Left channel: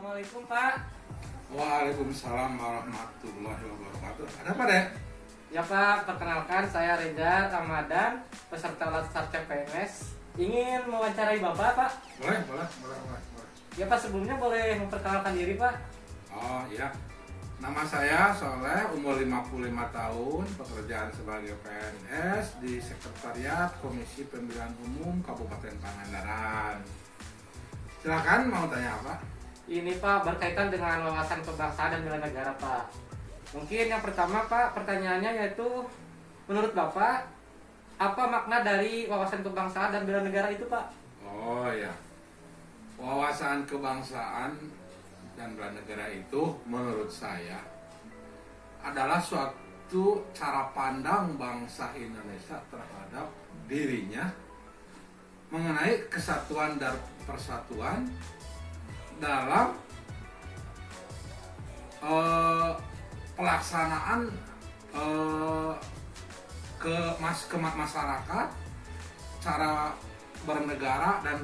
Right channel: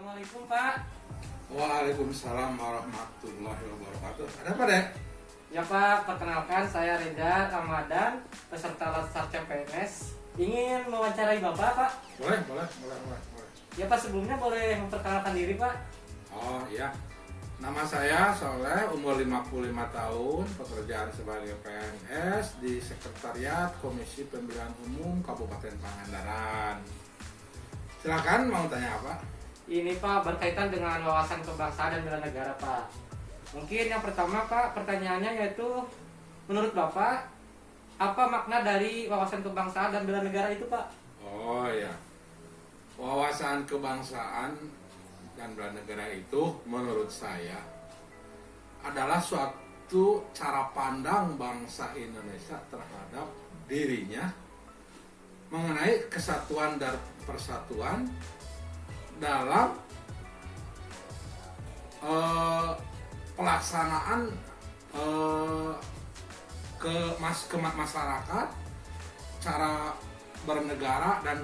Assalamualaikum Pak. Waalaikumsalam warahmatullahi wabarakatuh. Ada apa, Dek? Ya Pak, perkenalkan saya Reza Ramadan, peserta Latsar CPNS. Ingin mewawancarai Bapak, Pak. Boleh. Ya Pak, sebelumnya boleh memperkenalkan diri Pak. Oh iya. Nama saya Soleh, umur 55 tahun, pekerjaan sebagai PNS di Sekretariat Komisi Pemilihan Umum Kabupaten Pangandaran. Silakan, mau tanya apa? Ini Pak berkaitan dengan wawasan kebangsaan dan bela negara Pak. Mungkin yang pertama Pak, pertanyaannya yaitu menurut Bapak apa makna dari wawasan kebangsaan dan bela negara itu Pak? Oh ya, wawasan kebangsaan dan bela negara itu menurut saya adalah suatu cara pandang bangsa Indonesia terhadap dirinya mengenai kesatuan dan persatuan dalam pelaksanaan ke masyarakat, cara bernegara dan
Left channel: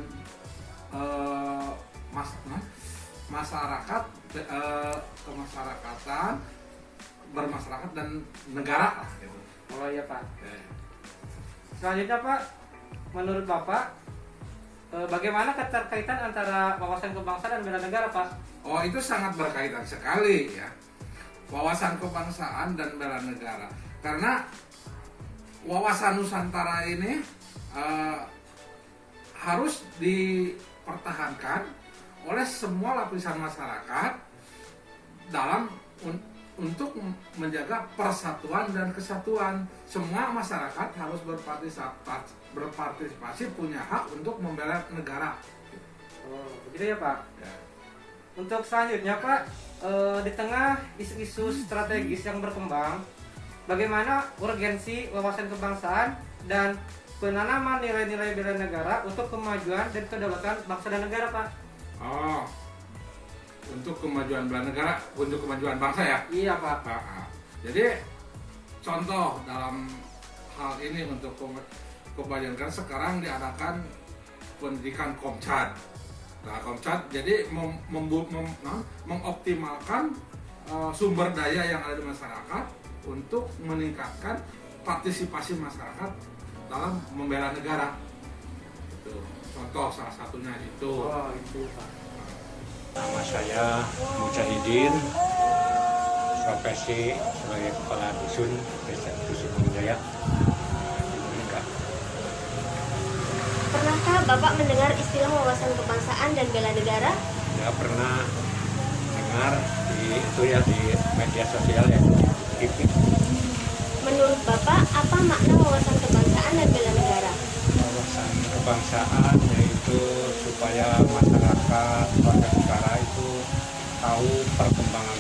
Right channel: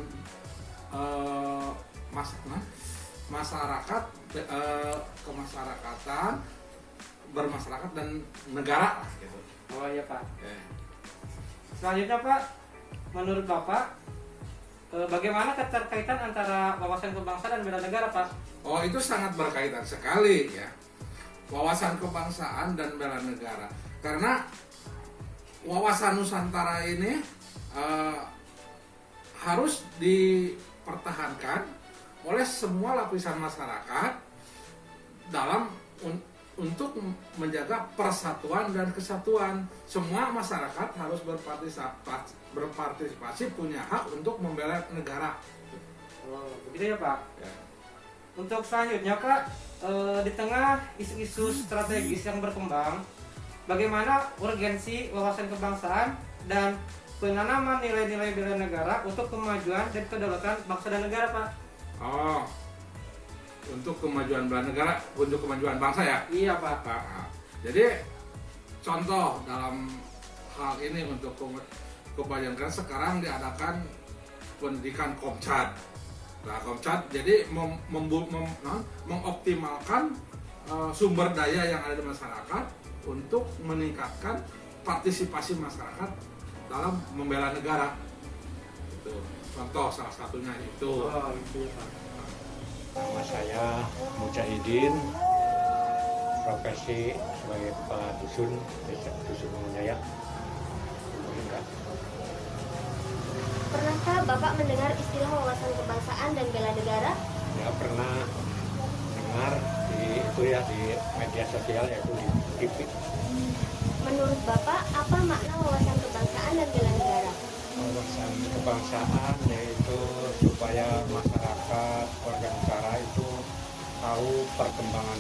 masyarakat kemasyarakatan, bermasyarakat dan negara gitu. Oh iya Pak. Okay. Selanjutnya Pak, menurut Bapak bagaimana keterkaitan antara wawasan kebangsaan dan bela negara Pak? Oh, itu sangat berkaitan sekali ya. Wawasan kebangsaan dan bela negara. Karena wawasan Nusantara ini harus dipertahankan oleh semua lapisan masyarakat dalam untuk menjaga persatuan dan kesatuan. Semua masyarakat harus berpartisipasi, punya hak untuk membela negara. Oh, begitu ya Pak. Ya. Untuk selanjutnya Pak, di tengah isu-isu strategis yang berkembang, bagaimana urgensi wawasan kebangsaan dan penanaman nilai-nilai bela negara untuk kemajuan dan kedaulatan bangsa dan negara Pak? Oh, untuk kemajuan bela negara, untuk kemajuan bangsa ya? Iya Pak. Jadi contoh dalam hal ini untuk kemajuan negara sekarang diadakan pendidikan Komcat. Nah, Komcat jadi mengoptimalkan sumber daya yang ada di masyarakat untuk meningkatkan partisipasi masyarakat dalam membela negara. Itu contoh salah satunya itu. Oh, itu Pak. Nama saya Mujahidin, profesi sebagai kepala dusun Desa Dusun Jaya. Pernahkah Bapak mendengar istilah wawasan kebangsaan dan bela negara? Saya pernah dengar di media sosial yang di TV. Menurut Bapak, apa makna wawasan kebangsaan dan bela negara? Wawasan kebangsaan yaitu supaya masyarakat, warga negara itu tahu perkembangan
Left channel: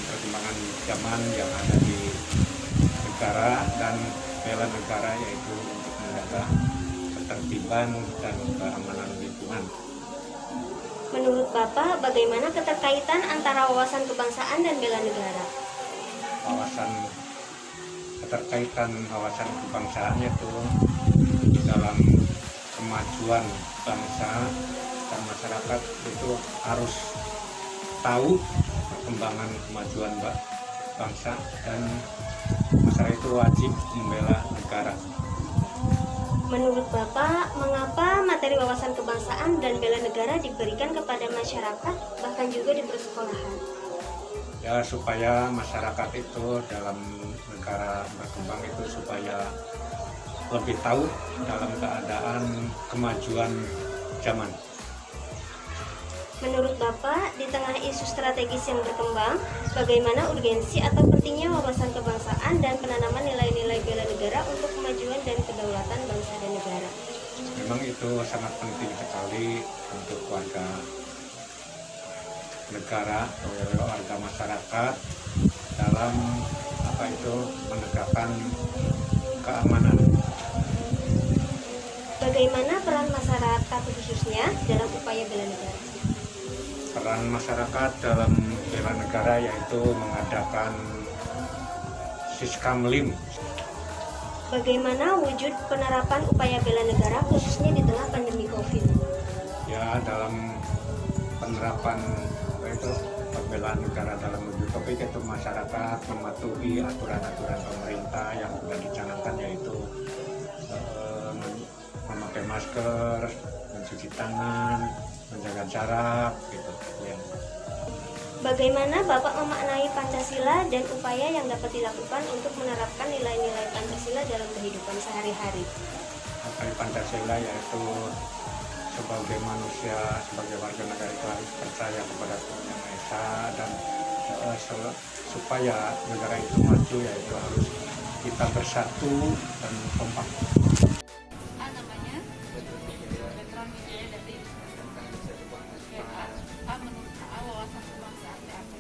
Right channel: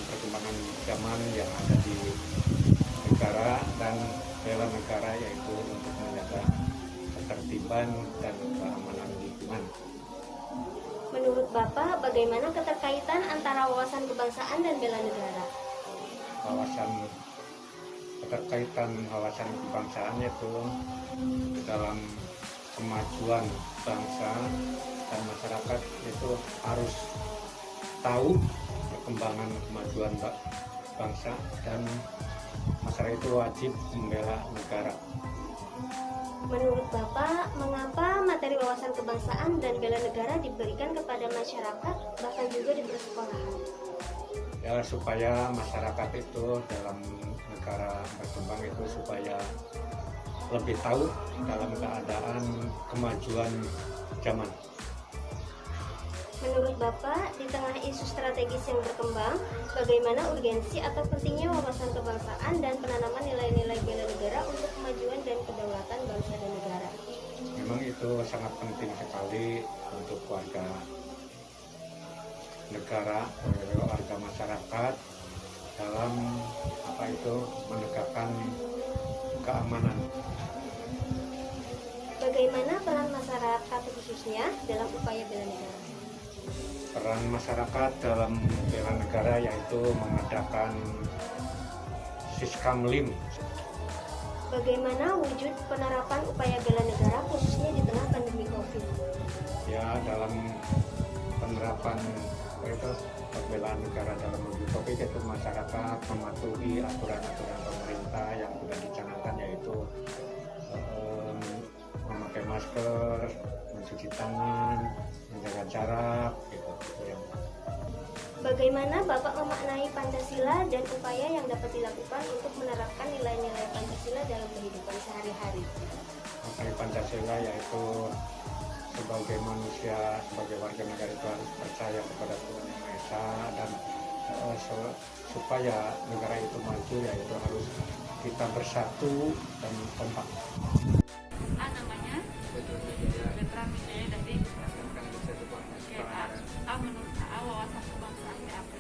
zaman yang ada di negara, dan bela negara yaitu menjaga ketertiban dan keamanan lingkungan. Menurut Bapak, bagaimana keterkaitan antara wawasan kebangsaan dan bela negara? Keterkaitan wawasan kebangsaan itu dalam kemajuan bangsa dan masyarakat itu harus tahu perkembangan kemajuan bangsa, dan masyarakat itu wajib membela negara. Menurut Bapak, mengapa materi wawasan kebangsaan dan bela negara diberikan kepada masyarakat, bahkan juga di persekolahan? Ya, supaya masyarakat itu dalam negara berkembang itu supaya lebih tahu dalam keadaan kemajuan zaman. Menurut Bapak, di tengah isu strategis yang berkembang, bagaimana urgensi atau pentingnya wawasan kebangsaan dan penanaman nilai-nilai bela negara untuk kemajuan dan kedaulatan bangsa dan negara? Memang itu sangat penting sekali untuk warga negara, warga masyarakat dalam menegakkan keamanan. Bagaimana peran masyarakat khususnya dalam upaya bela negara? Peran masyarakat dalam bela negara yaitu mengadakan Siskamlim. Bagaimana wujud penerapan upaya bela negara khususnya di tengah pandemi COVID? Ya, dalam penerapan itu masyarakat mematuhi aturan-aturan pemerintah yang sudah dicanangkan, yaitu memakai masker, mencuci tangan, menjaga jarak gitu. Bagaimana Bapak memaknai Pancasila dan upaya yang dapat dilakukan untuk menerapkan nilai-nilai Pancasila dalam kehidupan sehari-hari? Maknai Pancasila yaitu sebagai manusia, sebagai warga negara itu harus percaya kepada Tuhan Yang Maha Esa, dan supaya negara itu maju yaitu harus kita bersatu dan kompak. Namanya Veteran Wijaya dari menurut wawasan kebangsaan apa?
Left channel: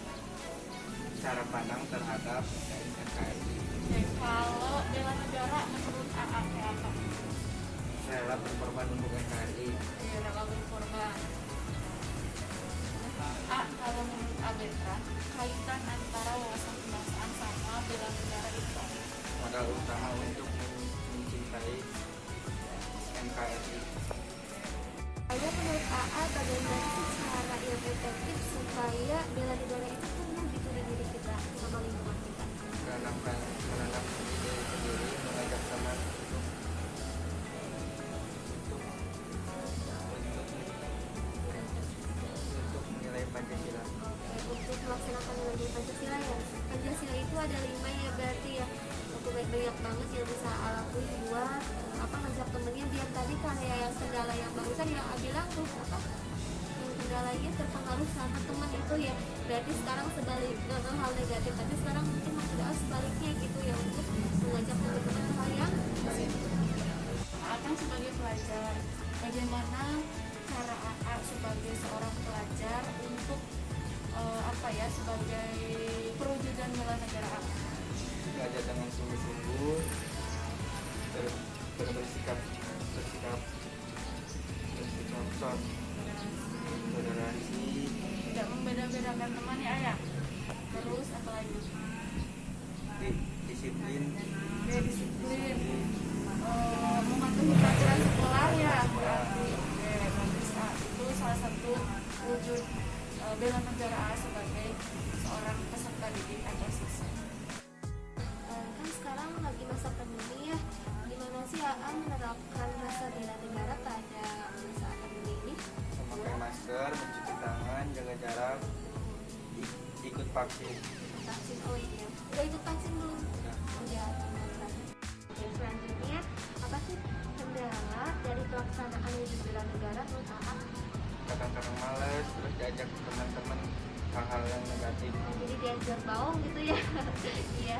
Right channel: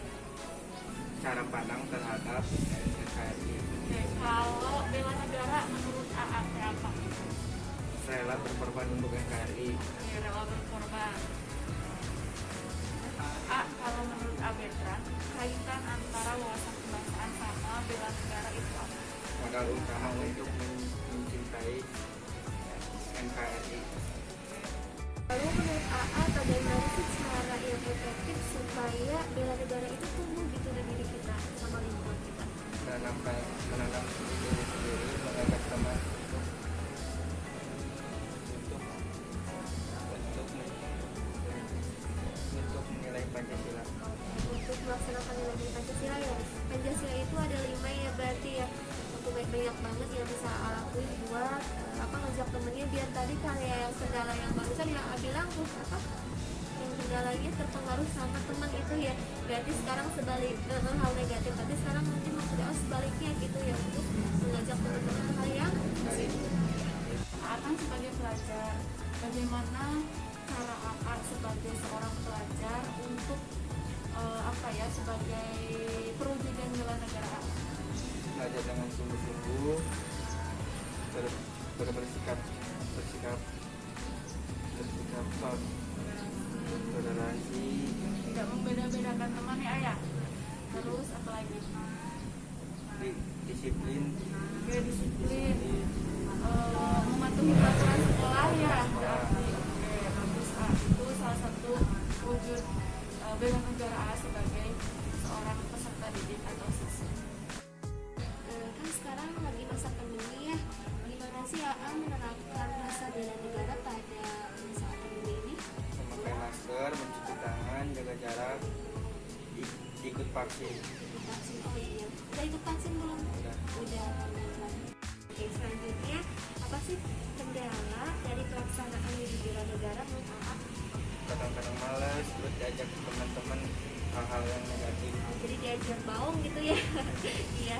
Cara pandang terhadap NKRI. Kalau bela negara menurut apa? Rela berkorban untuk NKRI. Rela berkorban. Kalau menurut Veteran, kaitan antara wawasan kebangsaan sama bela negara itu apa? Modal utama untuk mencintai NKRI. Lalu menurut AA, bagaimana sih cara yang efektif supaya bela negara itu tumbuh gitu di diri kita sama lingkungan kita? Menanam diri sendiri, mengajak teman untuk menilai Pancasila. Untuk melaksanakan nilai Pancasila ya. Pancasila itu ada 5 ya berarti ya. Aku banyak banget yang bisa lakuin buat ngajak temennya biar tadi kayak segala yang barusan yang bilang tuh segalanya terpengaruh sama teman itu ya. Berarti sekarang sebalik hal negatif, tapi sekarang mungkin maksudnya sebaliknya gitu ya, untuk mengajak teman-teman hal yang Akang sebagai pelajar, bagaimana cara AA sebagai seorang pelajar untuk sebagai perwujudan bela negara AA? Belajar dengan sungguh-sungguh, bersikap toleransi, Tidak membeda-bedakan teman ya ayah. Terus apa lagi? disiplin, Disiplin, mematuhi peraturan sekolah ya. Oke, bagus. Itu salah satu wujud bela negara A sebagai seorang peserta didik atau siswa. kan sekarang lagi masa pandemi ya. Gimana sih AA menerapkan rasa bela negara pada masa pandemi ini? memakai masker, mencuci tangan, jaga jarak, ikut vaksin. Vaksin, oh iya. Udah ikut vaksin belum? Udah. Oke, selanjutnya apa sih kendala dari pelaksanaan wujud bela negara menurut AA? Kadang-kadang malas, terus diajak teman-teman hal-hal yang negatif. Jadi diajak baung gitu ya. Iya.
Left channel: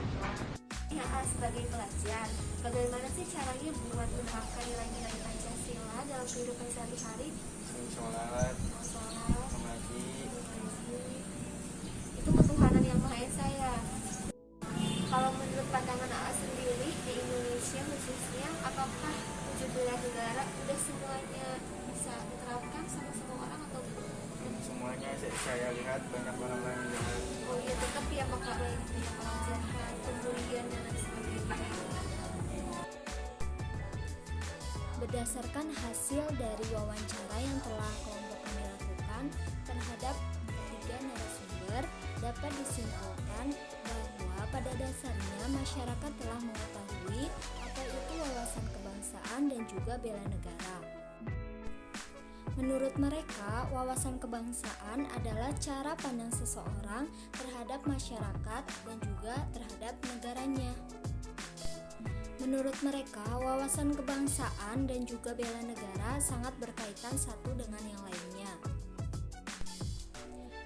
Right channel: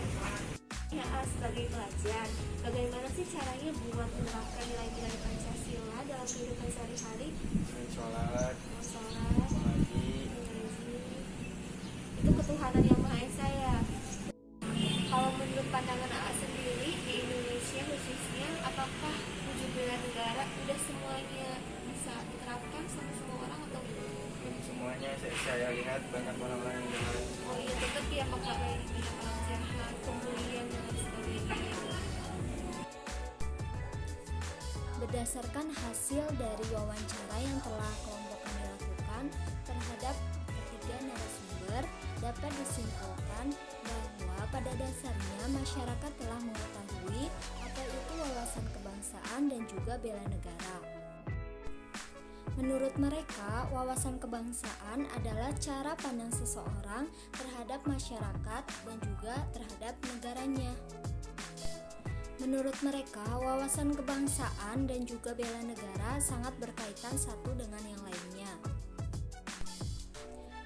Ya, sebagai pelajar, bagaimana sih caranya buat menerapkan nilai-nilai Pancasila dalam kehidupan sehari-hari? Sholat, Sholat, mengaji, itu ketuhanan yang Maha Esa ya. Kalau menurut pandangan AA sendiri di Indonesia khususnya, apakah wujud bela negara udah semuanya bisa diterapkan sama semua orang atau belum? belum semuanya. Saya lihat banyak orang-orang yang jahat. Oh iya, tetap ya bakal banyak orang jahat, kemudian dan lain sebagainya. Berdasarkan hasil dari wawancara yang telah kelompok kami lakukan terhadap ketiga narasumber, dapat disimpulkan bahwa pada dasarnya masyarakat telah mengetahui apa itu wawasan kebangsaan dan juga bela negara. Menurut mereka, wawasan kebangsaan adalah cara pandang seseorang terhadap masyarakat dan juga terhadap negaranya. Menurut mereka, wawasan kebangsaan dan juga bela negara sangat berkaitan satu dengan yang lainnya.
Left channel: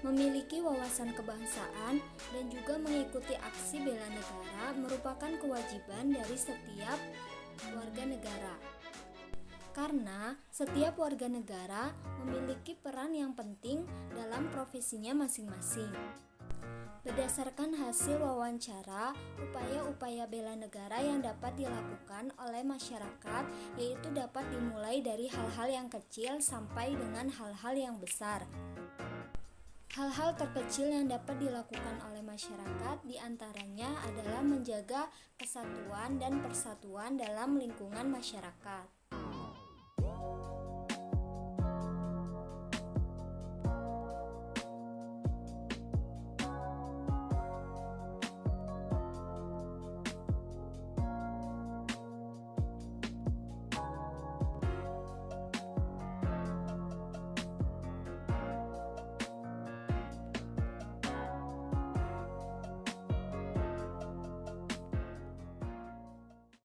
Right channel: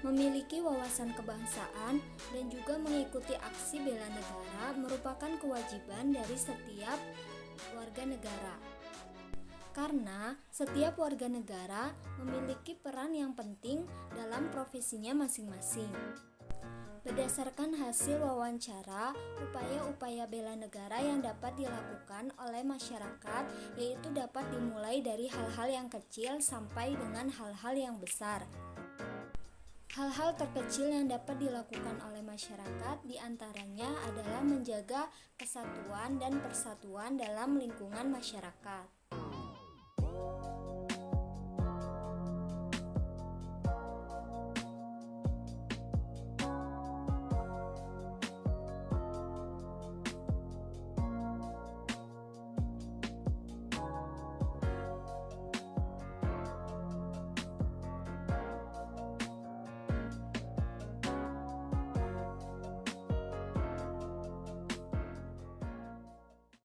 Memiliki wawasan kebangsaan dan juga mengikuti aksi bela negara merupakan kewajiban dari setiap warga negara. Karena setiap warga negara memiliki peran yang penting dalam profesinya masing-masing. Berdasarkan hasil wawancara, upaya-upaya bela negara yang dapat dilakukan oleh masyarakat yaitu dapat dimulai dari hal-hal yang kecil sampai dengan hal-hal yang besar. Hal-hal terkecil yang dapat dilakukan oleh masyarakat diantaranya adalah menjaga kesatuan dan persatuan dalam lingkungan masyarakat.